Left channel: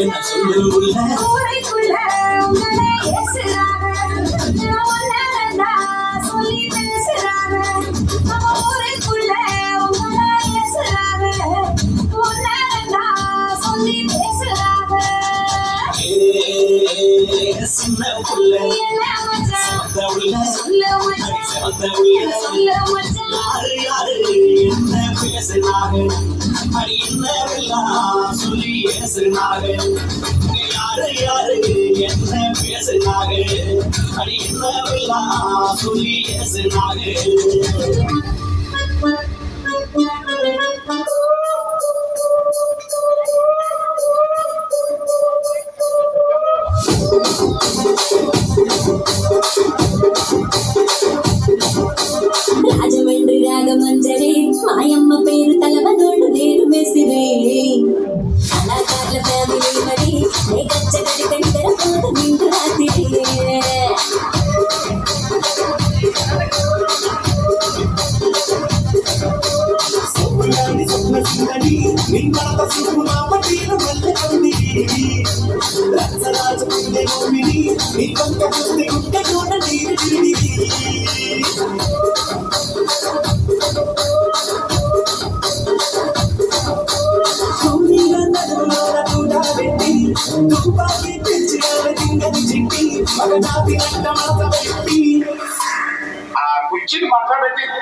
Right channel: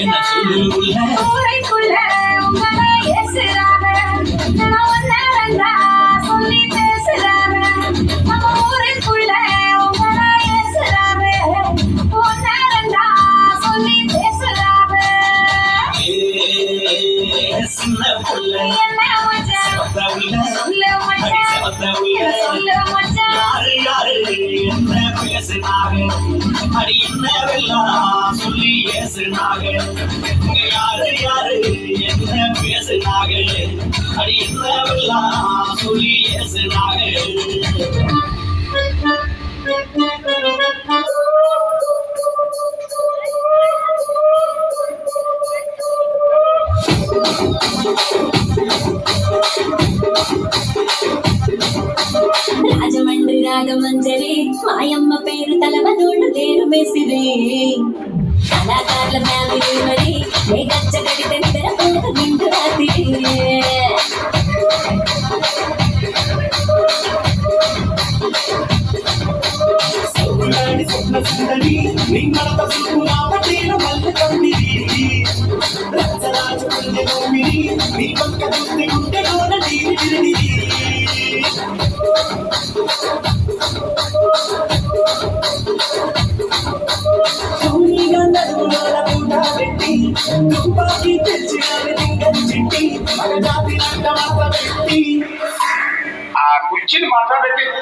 என்ன சொல்லுள்ள ஊரைக்குள்ள உங்களை ஏசுறாங்க சொல்லி பேசுறாங்க நம்ம ஊரைக்குள்ள உங்களை ஏசுறாங்க சொல்லி பேசுறாங்க சின்ன புள்ள என்ன யாரு யாரு என்ன பேசுனாக அடி என்னவெல்லாம் சொல்லி ஏசுனாக யாரு யாரு என்ன பேசுனாக அடி என்னவெல்லாம் சொல்லி ஏசுனாக రాజమండ్రి రాగమంజరి మాయమ్మ పేరు తలవనోడు నేను మెసిరి కళాకారుల ఫ్యామిలీ మరి నే గచ్చ గడితే నిద్రపోత నిండు రాత్రి సుందరి నిమ్మల సుకుమావతీలు మల్ల కందిరి రాజరాజ కుందె గోపిని నీ పక్క చూస్తే గుండె గోడ నీరు తిరిగి కూలిగా నడుముల కూడా పెట్టి తుపాకి తెచ్చినావే దింగని చిట్టి మగ జాతి నంట మడత పెట్టి ఆ కుర్చీని మాట్లాడబెట్టి